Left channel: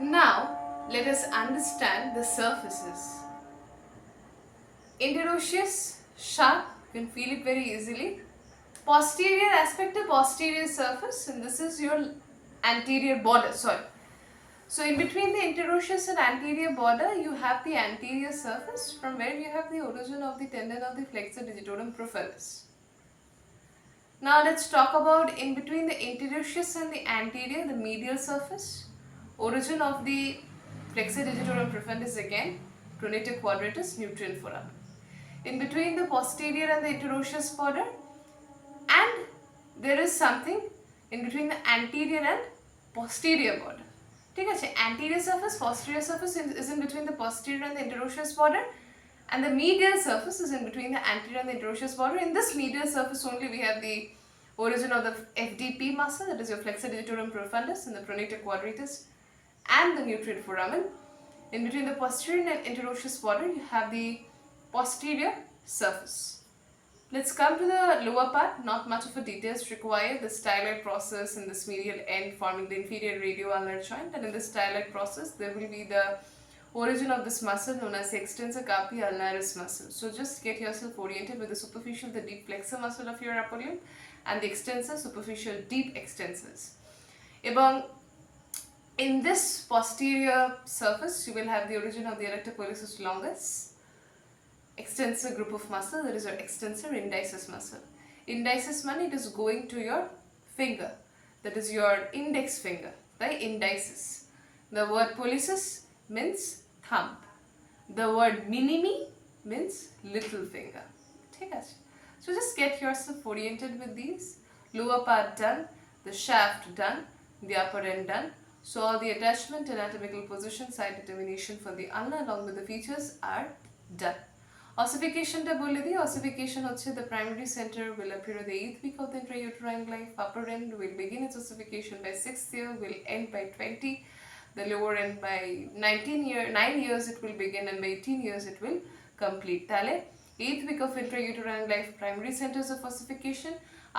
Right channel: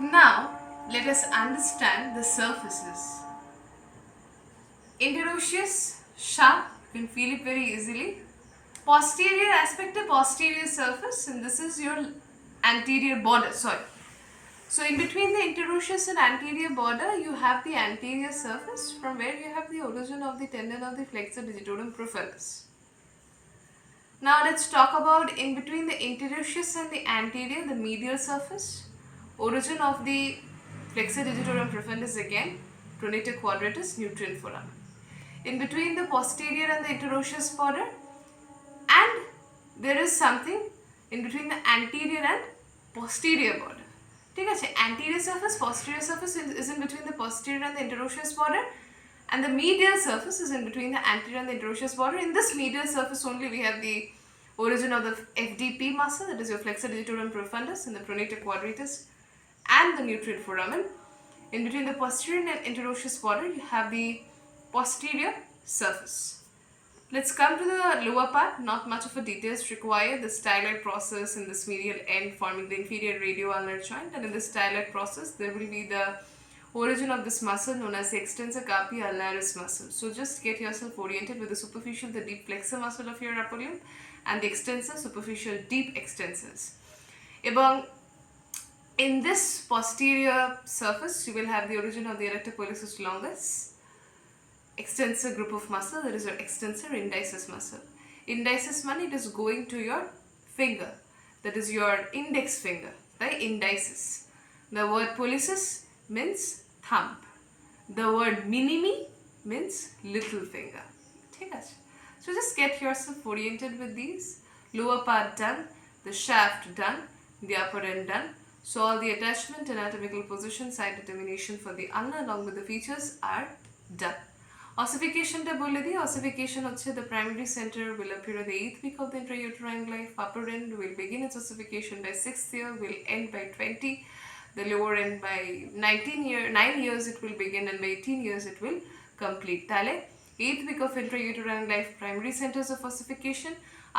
Now, let us understand the surfaces. Interosseous, sharp, you can feel it very easily. Posterior aspect of posterior surface, and this is your anterior border. Sorry. So, in between the interosseous and anterior border, you have the anterior surface from where you have the origin of the tendon of the flexor digitorum profundus. Now, let's talk about in between the interosseous and the anterior, the medial surface. Origin of the flexor digitorum profundus again, pronator quadratus, nutrient foramen. In between the posterior and the interosseous border, and there is something in between the anterior and posterior border. ঠিক আছে, anterior surface, posterior surface is in between the posterior and the interosseous border, and the medial surface is in between the anterior and the interosseous border. In this medial surface only we have the origin of the FDP muscle, that is your flexor digitorum profundus, in the pronator quadratus and the nutrient foramen. In between the posterior and interosseous border you have the posterior surface. Let's come to the lower part. Not much of a details required. The styloid process in this medial end forming the inferior radioulnar joint, and in the styloid process there will be the origin of this muscle known as the extensor carpi ulnaris muscle. So just get yourself oriented with the superficial, the deep flexor muscle of your upper limb, and the extensor, superficial, deep extensors. Ebong in this posterior surface you will have the origin of the erector pollicis longus, extensor group of muscle, that is your extensor indicis muscle. Indicis money, it is going to your finger, that is your index finger, right? Indicis. The word pollicis means thumb. The word minimi means little finger. Okay? So just get yourself oriented with these. Lower part done, the shaft done, the upper end done. So all the attachment, anatomical position, side determination for the ulna along with the features are done. Ossification টা বলে দিই, ossification হচ্ছে the primary center will appear at the 8th week of the intrauterine life. Upper end will begin its ossification by 6th year, will end by 20. The lower end by 9 years it will begin, and by 18 years it will complete. তাহলে 8th week of intrauterine life primary centers of ossification.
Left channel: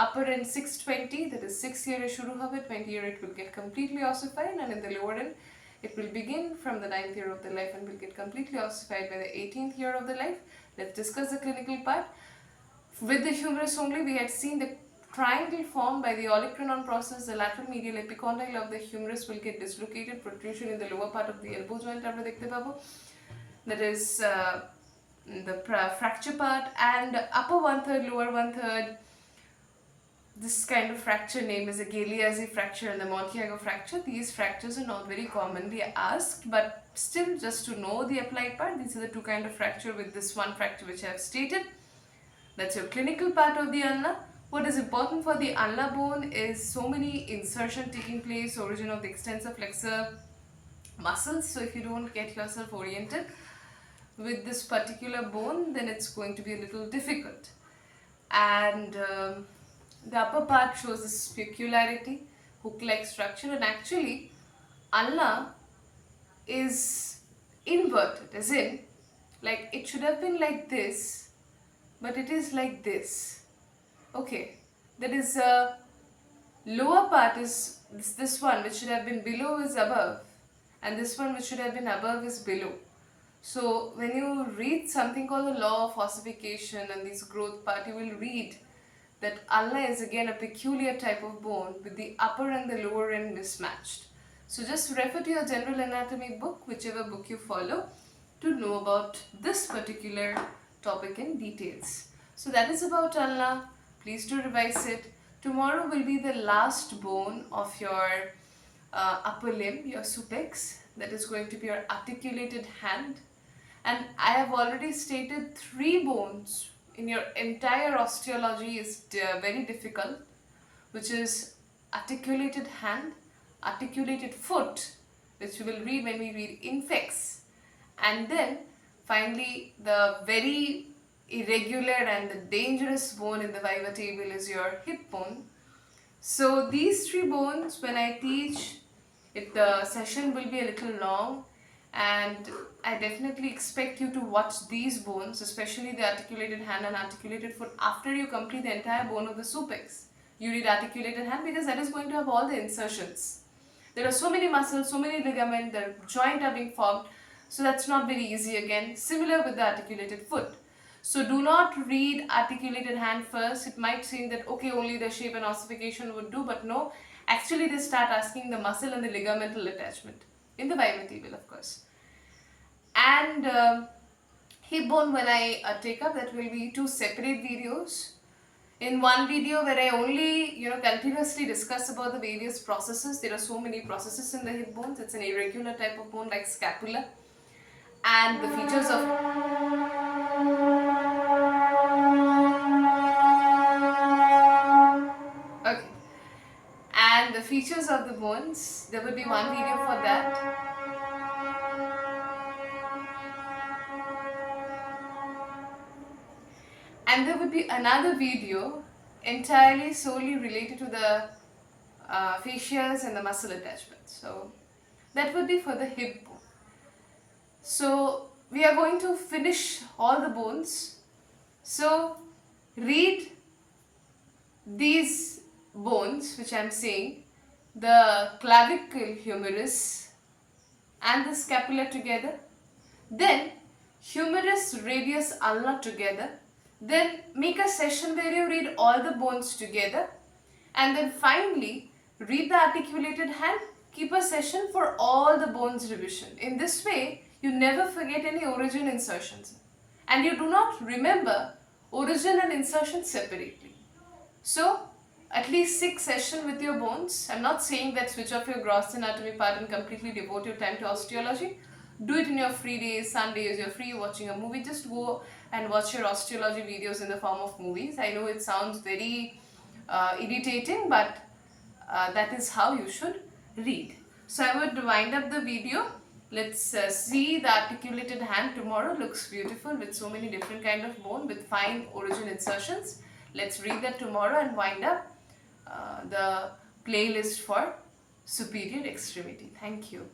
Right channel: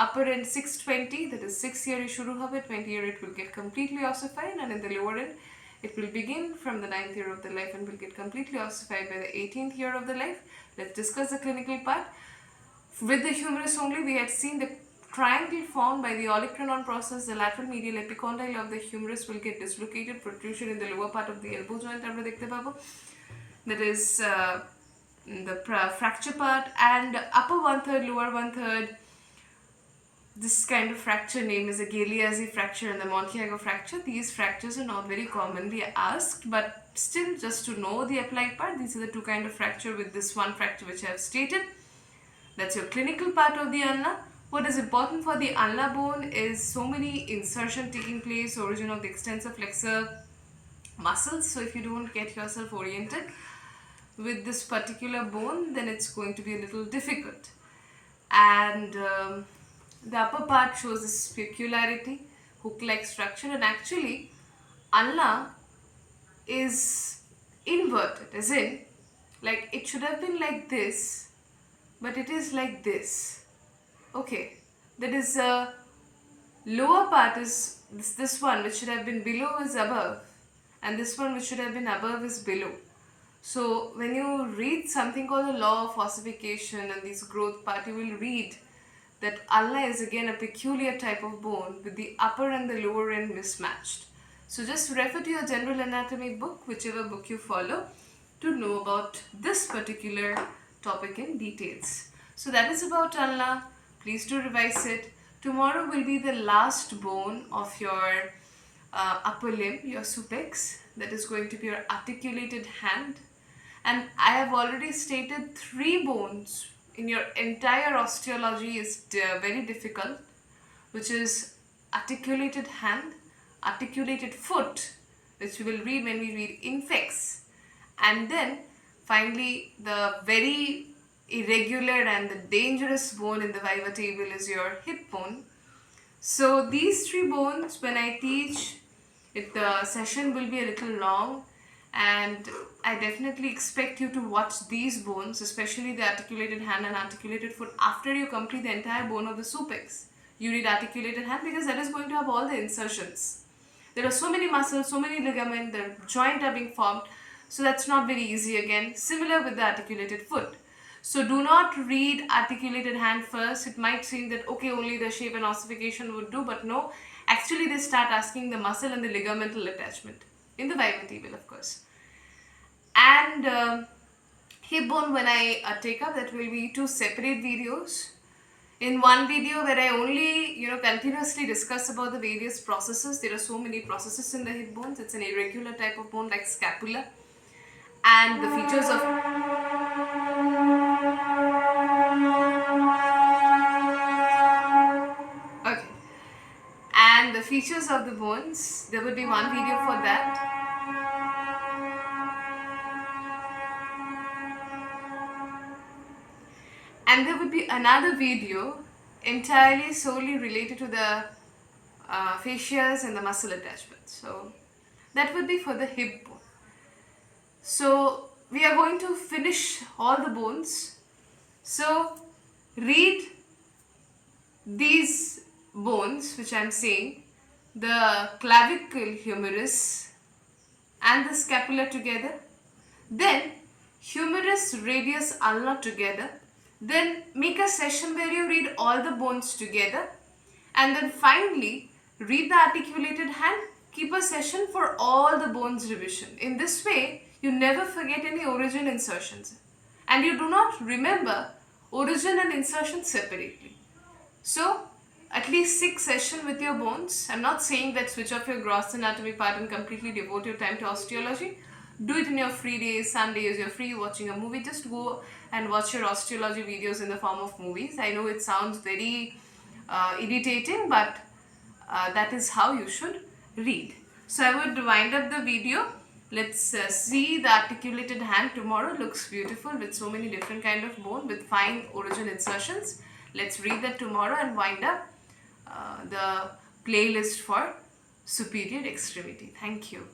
Upper end 620, that is 6 year শুরু হবে, 20 year it will get completely ossified, and in the lower end it will begin from the 9th year of the life and will get completely ossified by the 18th year of the life. Let's discuss the clinical part. With the humerus only, we had seen the triangle formed by the olecranon process. The lateral medial epicondyle of the humerus will get dislocated, protrusion in the lower part of the elbow joint আমরা দেখতে পাবো. That is the fracture part, and upper 1/3, lower 1/3. This kind of fracture name is a Galeazzi fracture and the Montiago fracture. These fractures are not very commonly asked, but still, just to know the applied part, these are the two kind of fracture with this one fracture which I have stated. That's your clinical part of the ulna. What is important for the ulna bone is so many insertion taking place, origin of the extensor flexor muscles. So if you don't get yourself oriented with this particular bone, then it's going to be a little difficult. And the upper part shows this specularity, hook-like structure, and actually ulna is inverted, as in, like it should have been like this, but it is like this. Okay, that is lower part is this one which should have been below is above, and this one which should have been above is below. So when you read something called the law of ossification and this growth part, you will read that ulna is again a peculiar type of bone with the upper and the lower end mismatched. So just refer to your general anatomy book, whichever book you follow, to know about this particular topic in details. So that is about ulna. Please do revise it. Tomorrow will be the last bone of your upper limb, your supex, that is going to be your articulated hand. And I have already stated 3 bones in your entire osteology is very difficult, which is articulated hand, articulated foot, which we will read when we read infex, and then finally the very irregular and the dangerous bone in the viva table is your hip bone. So these 3 bones, when I teach it, the session will be a little long, and I definitely expect you to watch these bones, especially the articulated hand and articulated foot, after you complete the entire bone of the supex. You read articulated hand because that is going to have all the insertions. There are so many muscles, so many ligaments, the joint are being formed. So that's not very easy again. Similar with the articulated foot. So do not read articulated hand first. It might seem that okay, only the shape and ossification would do, but no. Actually, they start asking the muscle and the ligamental attachment in the bivertebral, of course. And hip bone, when I take up, that will be two separate videos. In one video where I only continuously discuss about the various processes. There are so many processes in the hip bones. It's an irregular type of bone like scapula, and the features of okay, and the features of the bones. There will be one video for that. And there would be another video entirely solely related to the fascias and the muscle attachments. So that would be for the hip bone. So we are going to finish all the bones. So read these bones which I am saying, the clavicle humerus and the scapula together, then humerus radius ulna together, then make a session where you read all the bones together, and then finally read the articulated hand, keep a session for all the bones revision. In this way you never forget any origin insertions, and you do not remember origin and insertion separately. So at least 6 sessions with your bones. I'm not saying that switch off your gross anatomy part and completely devote your time to osteology. Do it in your free days, Sundays, you're free watching a movie. Just go and watch your osteology videos in the form of movies. I know it sounds very irritating, but that is how you should read. So I would wind up the video. Let's see the articulated hand tomorrow. Looks beautiful with so many different kind of bone with fine origin insertions. Let's read that tomorrow and wind up the playlist for superior extremity. Thank you.